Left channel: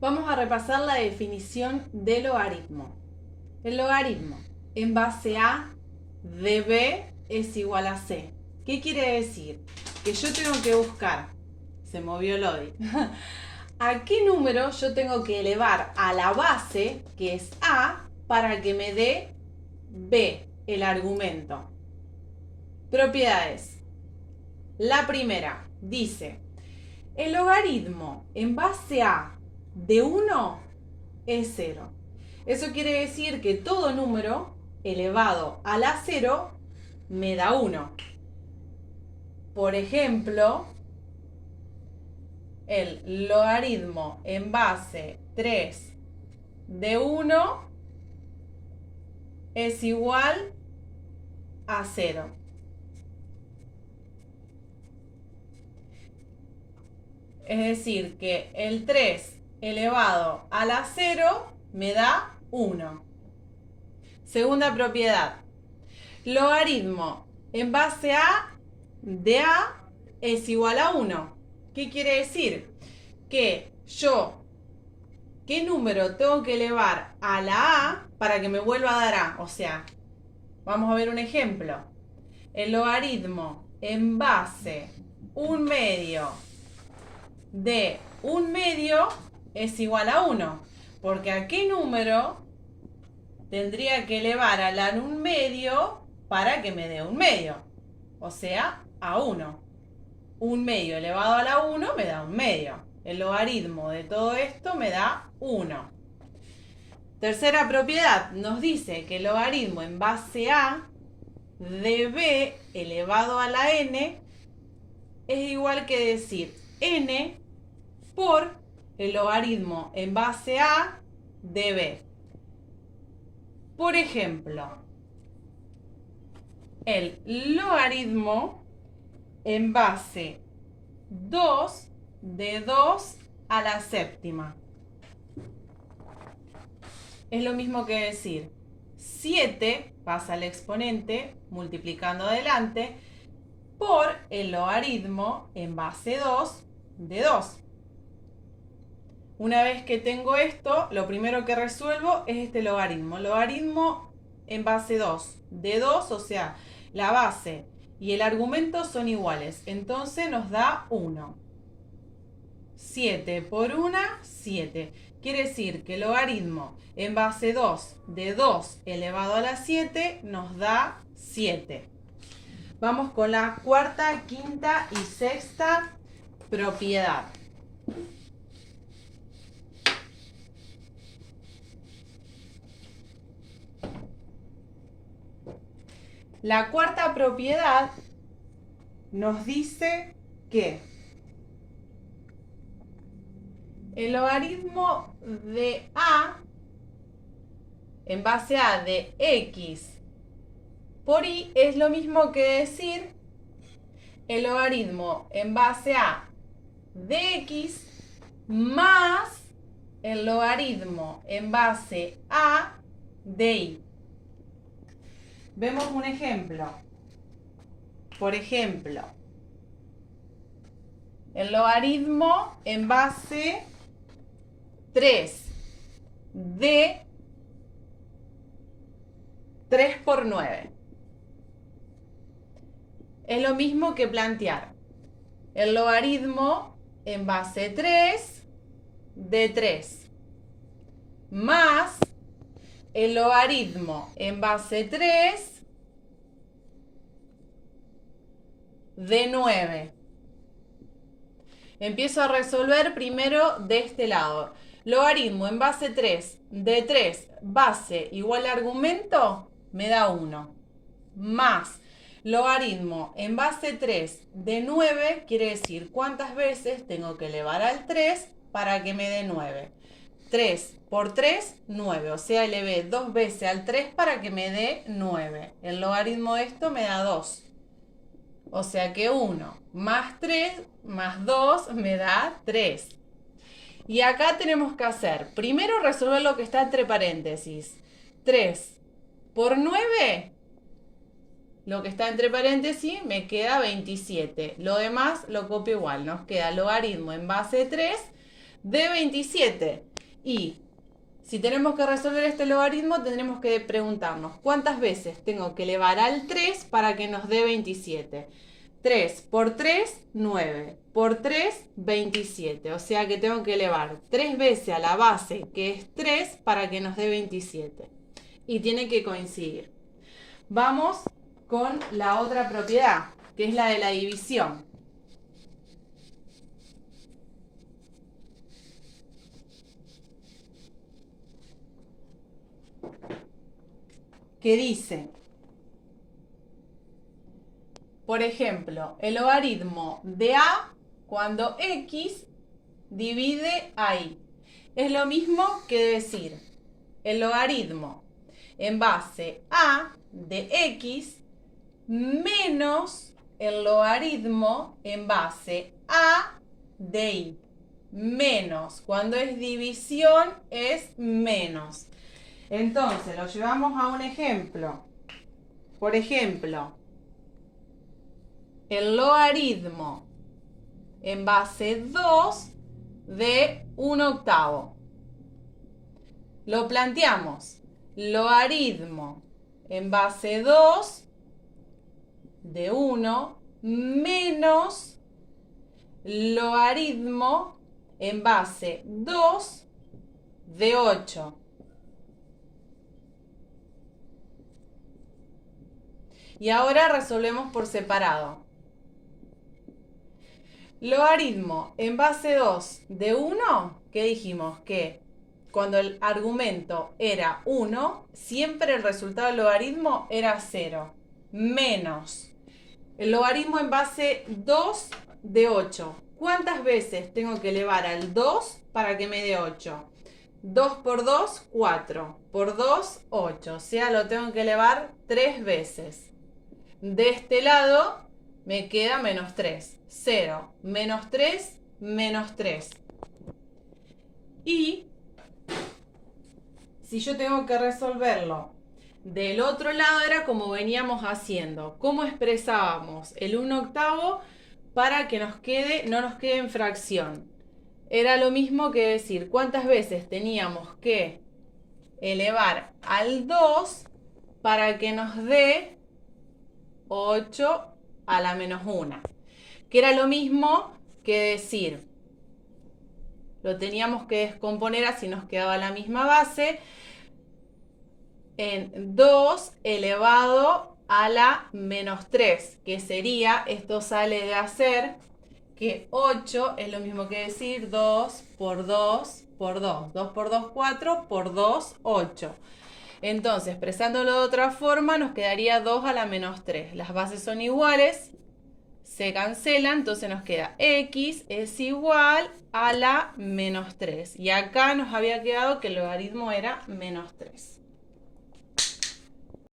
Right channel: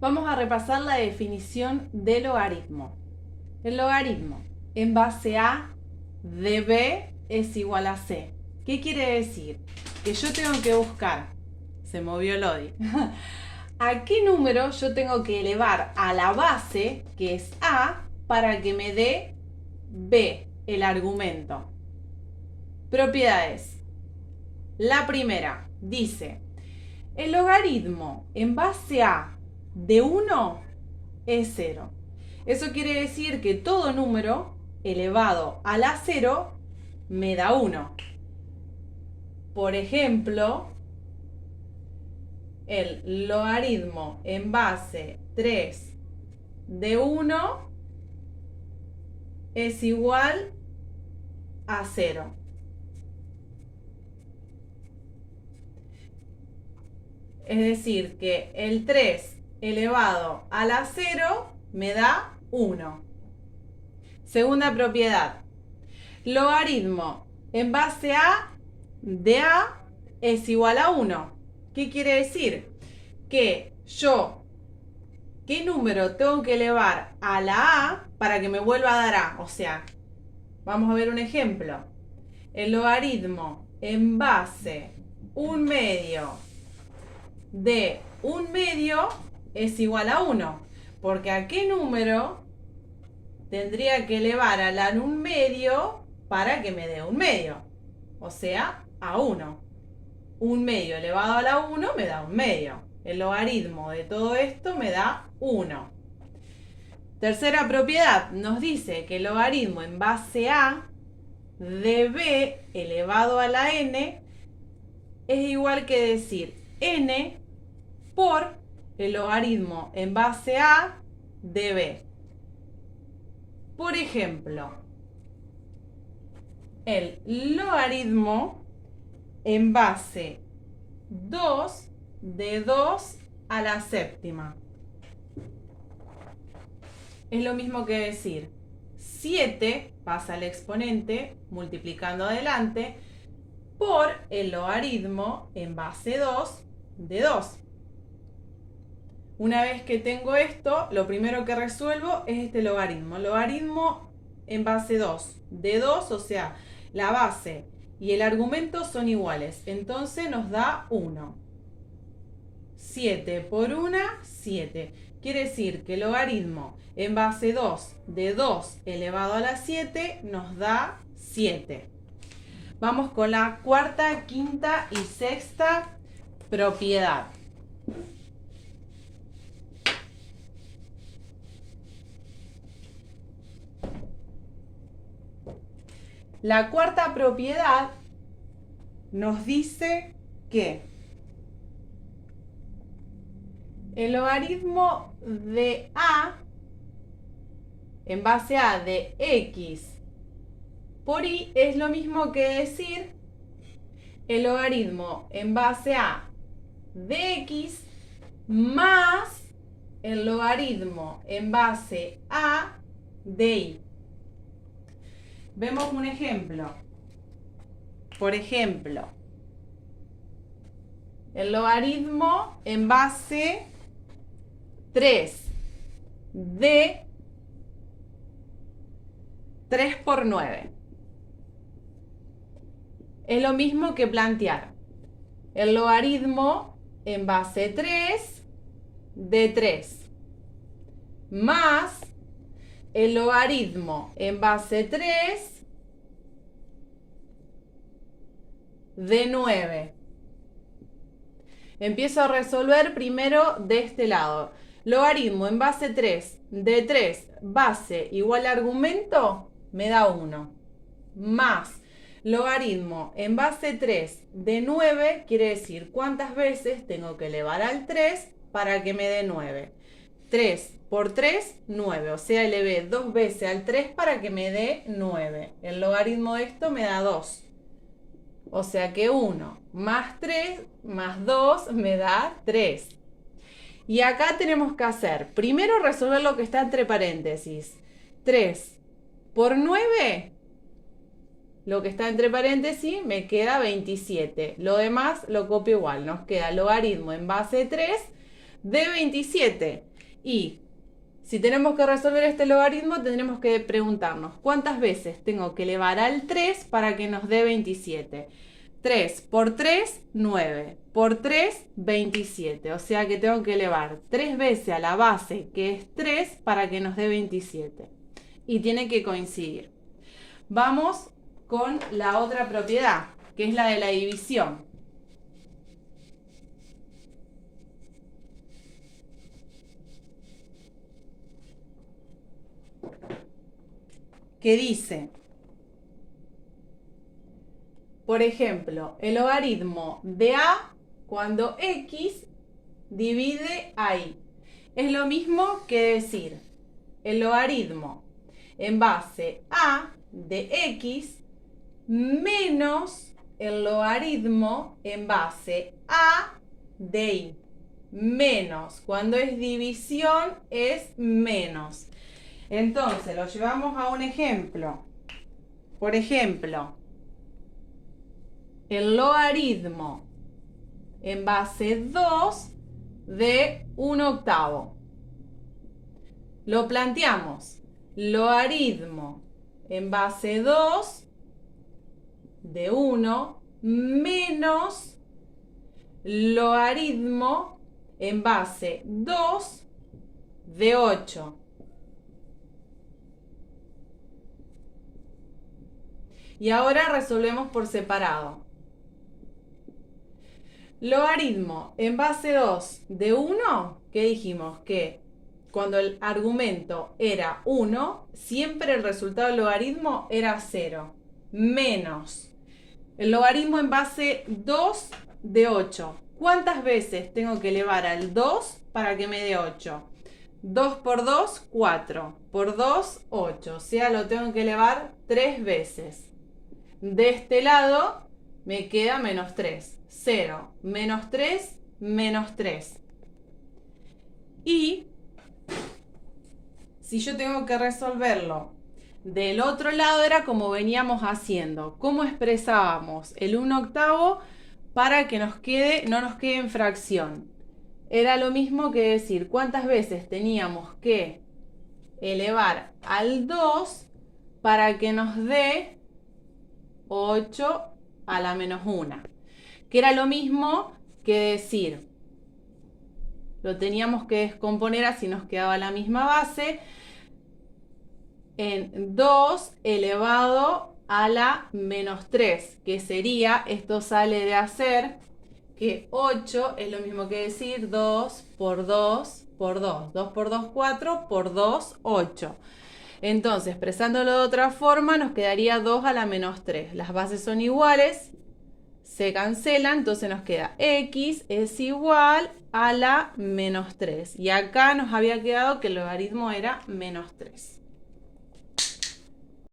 Vamos a repasar la definición de logaritmo. El logaritmo en base a de b es igual a c. ¿Qué quiere decir? Que yo tengo que buscar, se movió el Lodi, ¿a qué número yo tengo que elevar a la base, que es a, para que me dé b, el argumento? Propiedades. La primera dice, el logaritmo en base a de 1 es 0. Eso quiere decir que todo número elevado a la 0 me da 1. Por ejemplo, el logaritmo en base 3 de 1 es igual a 0. Es decir, que el 3 elevado a la 0 me da 1. Segunda propiedad. Logaritmo en base a de a es igual a 1. ¿Qué quiere decir? Que yo, ¿qué número tengo que elevar a la a para que me vuelva a dar a? O sea, vamos a ver un ejemplo. El logaritmo en base 1/2 de 1/2 es igual a 1. Porque ¿a qué número tendría que elevar a la 1/2 para que me dé 1/2? O sea, a 1. 1/2 elevado a la 1 me da 1/2. El logaritmo de todo esto me da 1. Tercera propiedad nos dice que el logaritmo en base a de b elevado a la n es igual que decir n por el logaritmo en base a de b. Por ejemplo, el logaritmo en base 2 de 2 a la séptima. Es lo mismo que decir 7 pasa al exponente multiplicando adelante por el logaritmo en base 2 de 2. Una vez que tengo esto, lo primero que resuelvo es este logaritmo. Logaritmo en base 2 de 2, o sea, la base y el argumento son iguales. Entonces nos da 1. 7 por 1, 7. Quiere decir que el logaritmo en base 2 de 2 elevado a la 7 nos da 7. Vamos con la cuarta, quinta y sexta propiedad. La cuarta propiedad nos dice que el logaritmo de a en base a de x por y es lo mismo que decir el logaritmo en base a de x más el logaritmo en base a de y. Vemos un ejemplo. Por ejemplo, el logaritmo en base 3 de 3 por 9. Es lo mismo que plantear el logaritmo en base 3 de 3 más el logaritmo en base 3 de 9. Empiezo a resolver primero de este lado. Logaritmo en base 3 de 3 base igual a argumento me da 1. Más logaritmo en base 3 de 9 quiere decir cuántas veces tengo que elevar al 3 para que me dé 9. 3 por 3, 9. O sea, elevé 2 veces al 3 para que me dé 9. El logaritmo de esto me da 2. O sea que 1 más 3 más 2 me da 3. Y acá tenemos que hacer, primero resolver lo que está entre paréntesis. 3 por 9, lo que está entre paréntesis, me queda 27. Lo demás lo copio igual. Nos queda logaritmo en base 3 de 27. Y si tenemos que resolver este logaritmo, tendremos que preguntarnos cuántas veces tengo que elevar al 3 para que nos dé 27. 3 por 3, 9. Por 3, 27. O sea que tengo que elevar 3 veces a la base, que es 3, para que nos dé 27. Y tiene que coincidir. Vamos con la otra propiedad, que es la de la división. Que dice, por ejemplo, el logaritmo de a cuando x divide a y. Es lo mismo que decir el logaritmo en base a de x menos el logaritmo en base a de y. Menos, cuando es división es menos. Entonces lo llevamos a un ejemplo. Por ejemplo, el logaritmo en base 2 de 1/8. Lo planteamos. Logaritmo en base 2 de 1 menos logaritmo en base 2 de 8. Y ahora resolvemos por separado. Logaritmo en base 2 de 1, que dijimos que cuando el argumento era 1, siempre el resultado del logaritmo era 0. Menos el logaritmo en base 2 de 8. ¿Cuántas veces tengo que elevar al 2 para que me dé 8? 2 por 2, 4. Por 2, 8. O sea, lo tengo que elevar 3 veces. De este lado me queda menos 3. 0, menos 3, menos 3. Y si yo tengo que resolverlo del otro lado, era como veníamos haciendo. ¿Cómo expresábamos el 1/8 para que no nos quede en fracción? Era lo mismo que decir cuántas veces teníamos que elevar al 2 para que nos dé 8 a la menos 1. Que era lo mismo que decir, lo teníamos que descomponer así nos quedaba la misma base, en 2 elevado a la menos 3, que sería, esto sale de hacer, que 8 es lo mismo que decir 2 por 2 por 2. 2 por 2, 4, por 2, 8. Entonces, expresándolo de otra forma, nos quedaría 2 a la menos 3. Las bases son iguales, se cancelan, entonces nos queda x es igual a la menos 3. Y acá nos había quedado que el logaritmo era menos 3.